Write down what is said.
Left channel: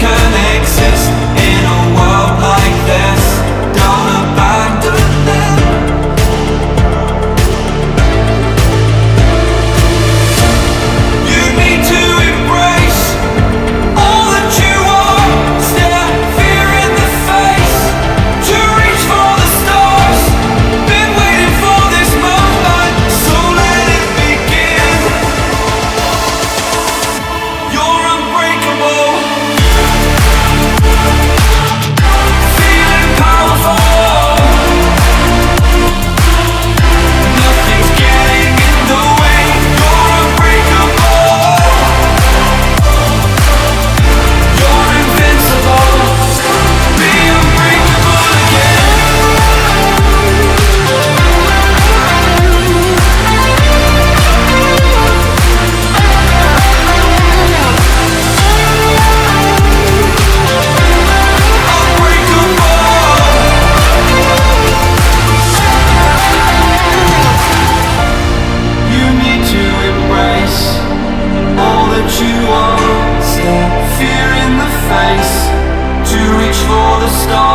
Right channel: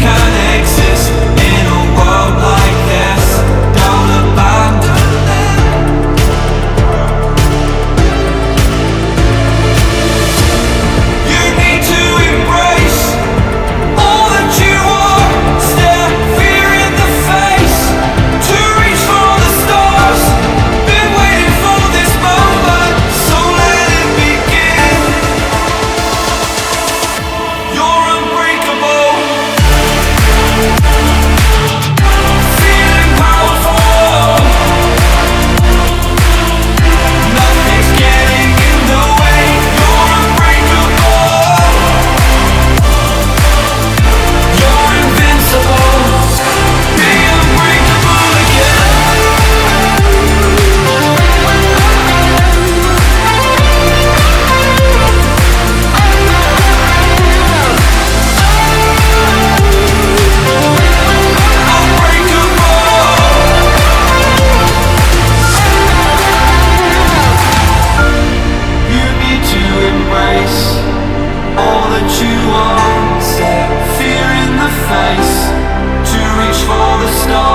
can exist in a world like this. Don't abandon them. You need to embrace all that you are. Stare fear in the face to reach for the stars. Been waiting for this moment, so let it begin. You're unbreakable, feeling powerful. Nothing's getting in the way. You're unbreakable. You're invincible. Be unbreakable again. You need to embrace all that you are. Stare fear in the face to reach for the stars.